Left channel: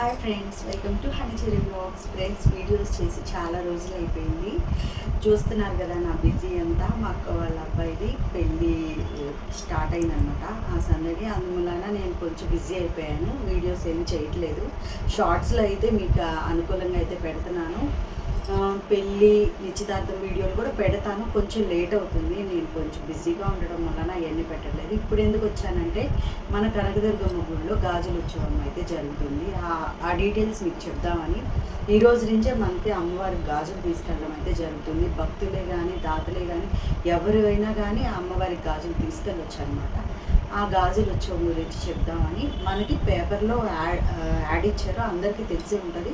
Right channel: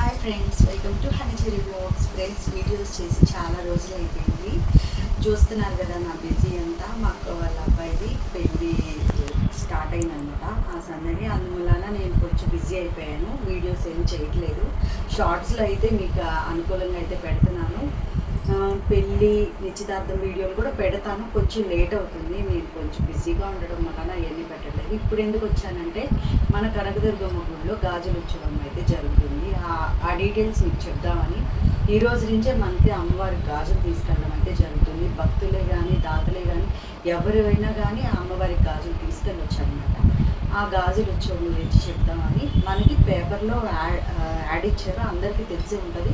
Hi friends, welcome to honey cherry blogs. Friends, videos చేసి చాలా రోజులు అయిపోయింది. చూస్తున్నారు కదా నా బిజీ అంతా. మా అక్క వాళ్ళ అబ్బాయిది పెళ్ళి స్టార్ట్ అయిందనమాట. ఆ సందడి అందువలన నేను కొంచెం బిజీ అయిపోయాను. వీడియోస్ ఏం చేయట్లేదు. షార్ట్స్లో అయితే మీకు అనుకూలంగా అయితే పెడుతున్నాను. పెళ్ళి నిశ్చితార్థం వీడియోలు కూడా పెడతాను. కొంచెం లేట్ అవుతుంది, నేను కొంచెం బిజీగా ఉండడం వలన అవన్నీ పెట్టలేదు. ఇప్పుడు ఎందుకు వచ్చానంటే, మన కనకదుర్గమ్మ గుడిలో గాజుల ఉత్సవం అయితే జరుగుతుంది. ఆ డీటెయిల్స్ మీకు చెప్దామని ఈ రోజు నుంచే మనకి అమ్మవారికి గాజులు తీసుకెళ్ళడం అయితే జరుగుతుంది. భక్తులే కానీ దాతలే కానీ ఎవరైనా కానీ ఆ అమ్మవారికి గాజులు తీసుకెళ్ళొచ్చు అనమాట. ఆ గాజుల ఉత్సవం గురించి చెప్దామని మనకి పేపర్లో యాడ్ ఇచ్చారు, అందరికీ తెలిసి ఉంటుంది.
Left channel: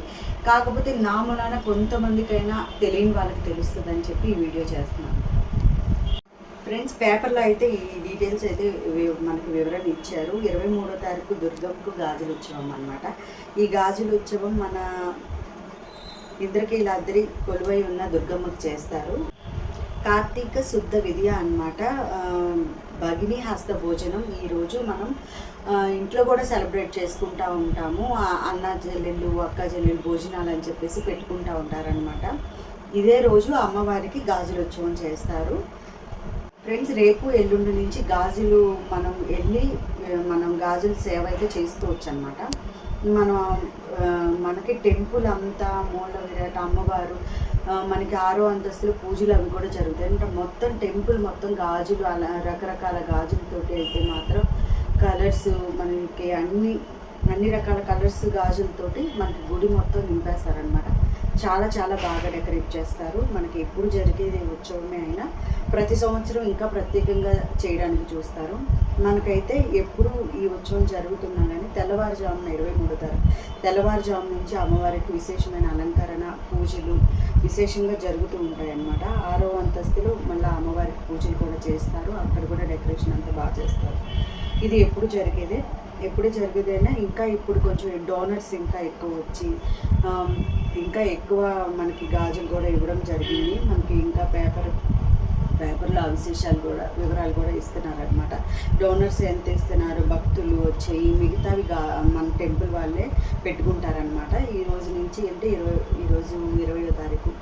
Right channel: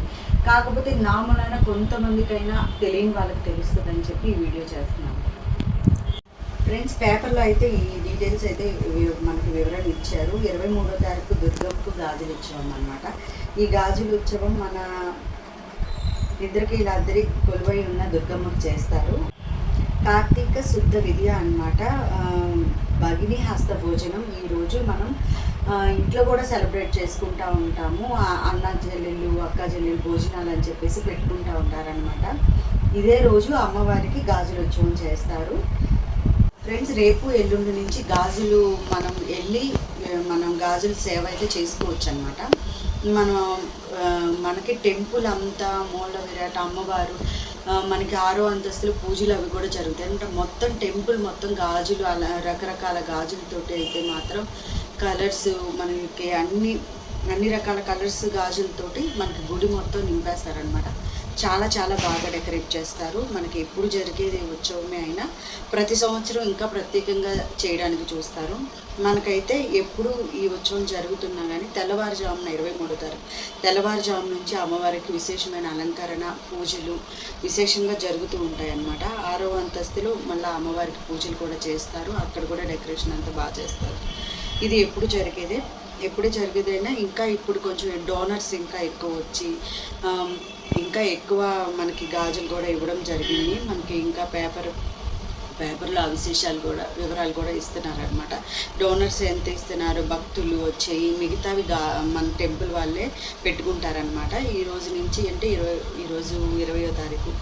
కాకపోతే నా మూలాన కొంతమందికైనా తెలియని వాళ్ళకి తెలుస్తుంది అని చెప్పి ఈ వీడియో చేస్తున్నాను. ఫ్రెండ్స్, పేపర్లో అయితే ఈ డీటెయిల్స్ అయితే మనకి వివరణ ఇచ్చారు. 23వ తారీఖు దుర్గమ్మకు గాజుల ఉత్సవం అనమాట. ఈ గాజుల ఉత్సవం మన ఇంద్రకీలాద్రి కొలువై ఉన్న దుర్గమ్మకు చేస్తారు. కార్తీక శుద్ధ విద్య అనమాట. భగిని హస్త భోజనం ఈరోజు మనం ఇంట్లో కూడా సెలబ్రేట్ చేసుకుంటూ ఉంటాము. అన్న చెల్లెళ్ళు అక్క చెల్లెళ్ళు భోజనాలు అని చెప్పేసి పెట్టుకుంటూ ఉంటారనమాట. ఇదే రోజు అమ్మవారికి గాజుల ఉత్సవం చేస్తారు. ఫ్రెండ్స్, రేపు ఎల్లుండి నుంచి గాజులు మనం గాజుల సేవ అయితే చేసుకోవచ్చు అనమాట. మనకి టెంపుల్ అంతా మూల విరాట్ అమ్మవారు, మనకి 6వ అంతస్తులు పూజలు అవి కూడా జరుగుతాయి అంటే మొత్తం టెంపుల్ మొత్తం గాజులు, అలా రకరకాల గాజులతోటి అయితే మాత్రం కలర్స్ మనకి అన్ని రకాల కలర్స్ గాజులతోటి మనకి గుడి మొత్తం నింపేస్తారనమాట. చాలా చాలా బాగా డెకరేట్ చేస్తారు. మనకి ఎప్పుడు జరిగేది ఉత్సవమే అయినా ప్రతి సంవత్సరం ఇంకా ప్రత్యేకంగా చేయడానికి చూస్తారు. మనకైతే ఎప్పుడు ఈ ఉత్సవం జరుగుతున్నా కానీ తెల్లవారుజామున 23వ తారీఖు తెల్లవారుజాము నుంచి అమ్మవారికి విశేషమైన అలంకరణ పూజలు విశేషంగా జరుగుతూ ఉంటాయి అన్నమాట. 6వ అంతస్తులో మళ్ళీ అమ్మవారికి పూజలు కూడా చేస్తారు. అక్కడ కూడా డెకరేషన్ అంతా బాగా చేస్తారు. ఇది ఎప్పుడు జరిగేదైనా ఇంకా ఇప్పుడు కొంచెం డోనర్స్ ఇంకా ఎక్కువ వచ్చి ఇంకా ఎక్కువ మనకి గాజులు కూడా ఇవ్వడం జరిగింది. మనకి ఇంకా పేపర్లో ఆ వివరాలు కూడా ఇస్తున్నారనమాట. డోనర్స్ ఎంత ఇస్తున్నారు, భక్తులు వచ్చేయి, మిగతావి మన టెంపుల్ వాళ్ళే పెట్టుకుంటారనమాట. ఈ రోజు నుంచి అంటే ఈరోజు 20వ తారీఖు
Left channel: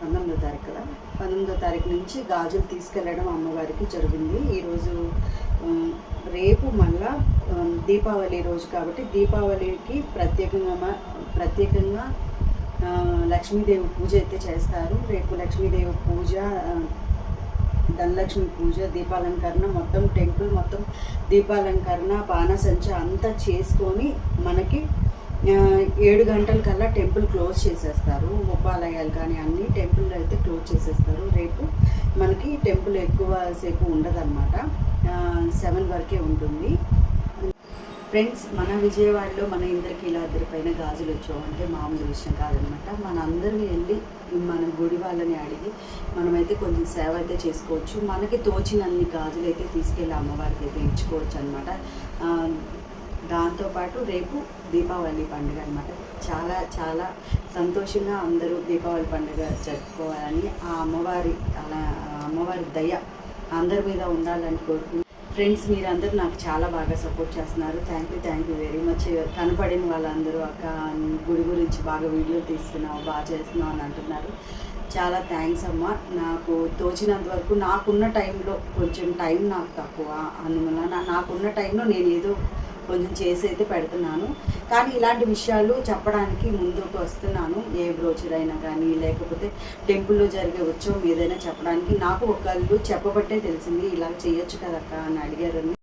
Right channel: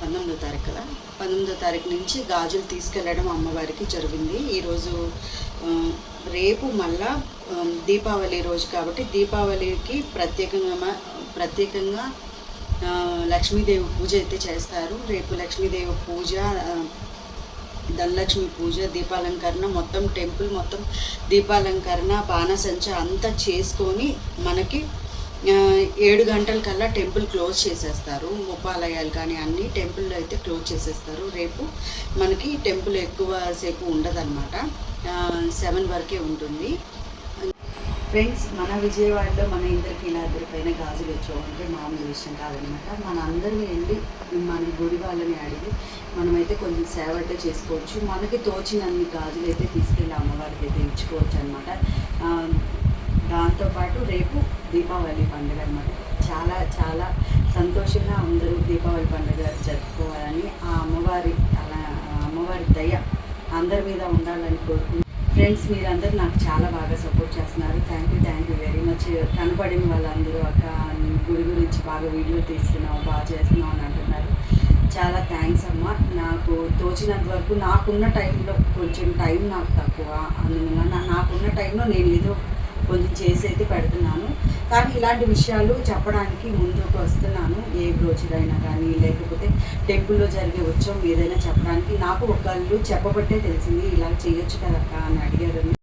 19వ తారీఖు కదా, 19వ తారీఖు నుంచి గాజులు తీసుకెళ్ళడం అమ్మవారికి జరిగింది. ఈరోజు రేపు మళ్ళా దీపావళి రోజు కాబట్టి దీపావళికి ప్రత్యేకంగా లక్ష్మీదేవి పూజ అయితే చేస్తారు. రేపు లక్ష్మీదేవి పూజ, ధనలక్ష్మి పూజ, దీపాలంకరణ, మొత్తం టెంపుల్ మొత్తం దీపాలంకరణ బాణసంచ అంతా చేసుకొని మనకి 7 గంటల కల్లా టెంపుల్ క్లోజ్ చేసేస్తారు. ఉపాలయాలు కానీ అన్ని టెంపుల్లో అయితే క్లోజ్ చేసేస్తారు. రేపు మనకి టెంపుల్ ఎక్కువ సేపు ఉండదన్నమాట, 7 వరకే ఉంటుంది. ఫ్రెండ్స్, మన విజయవాడలో మన ఇంద్రకీలాద్రి పైన గాజులు ఉత్సవం అంటే మామూలు విషయం కాదనమాట. మన అందరినీ వెళ్ళి మన గుడి వాళ్ళని అడిగి మనమైతే కొంచెం సేవ అయితే చేసుకోవచ్చు. మనకి తోచినన్ని గాజులు అయితే తీసుకెళ్ళి అమ్మవారికి అయితే ఇచ్చుకోవచ్చు అనమాట. దాంతోపాటు రేపు దీపావళి పండుగ అనమాట. చాలా చాలా సంతోషంగా అందరూ దీపావళి పండుగ జరుపుకోవాలని ఆ అమ్మవారి దయ అందరి మీద ఉండాలని కోరుకుంటున్నాను. ఫ్రెండ్స్, మీరందరూ నాకు చాలా బాగా సపోర్ట్ చేస్తున్నారు. Thank you very much. కనపడిన వాళ్ళందరూ అక్క గుడి గురించి బాగా వీడియో తీస్తున్నావు, బాగా చేస్తున్నావు అని అంటున్నారు. చాలా థ్యాంక్స్ అమ్మ. నాకు తోచినంత వరకు నాకున్న టైంలో కొంచెం టైం నాకు తక్కువ, అందువల్ల నాకున్న టైంలో నేను ఏదో కొంచెం చేసి అయితే పెడుతున్నాను. కానీ ఇలాంటి విషయాలు చెప్పడానికి ముందుకు వస్తున్నాను. ఏ బ్రోచర్ అయినా కానీ లేకపోతే టెంపుల్లో జరిగే ఉత్సవం ఏదైనా చెప్పడానికి నాకు ఒకళ్ళు చెప్పబట్టే తెలిసింది. ఇలా చేయొచ్చు కదక్క అని అడిగారని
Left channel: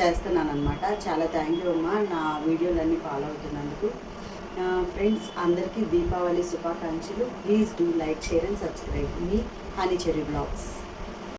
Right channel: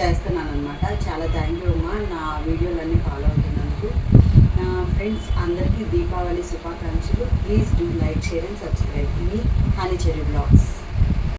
చేస్తున్నాను అనమాట. చాలా థ్యాంక్ యూ అమ్మ, నా వీడియోలన్నీ ఫాలో అవుతున్నందుకు. ఫ్రెండ్స్, అందరికీ దీపావళి శుభాకాంక్షలు. Please do like, share and subscribe మీ హనీచెరీ బ్లాగ్స్.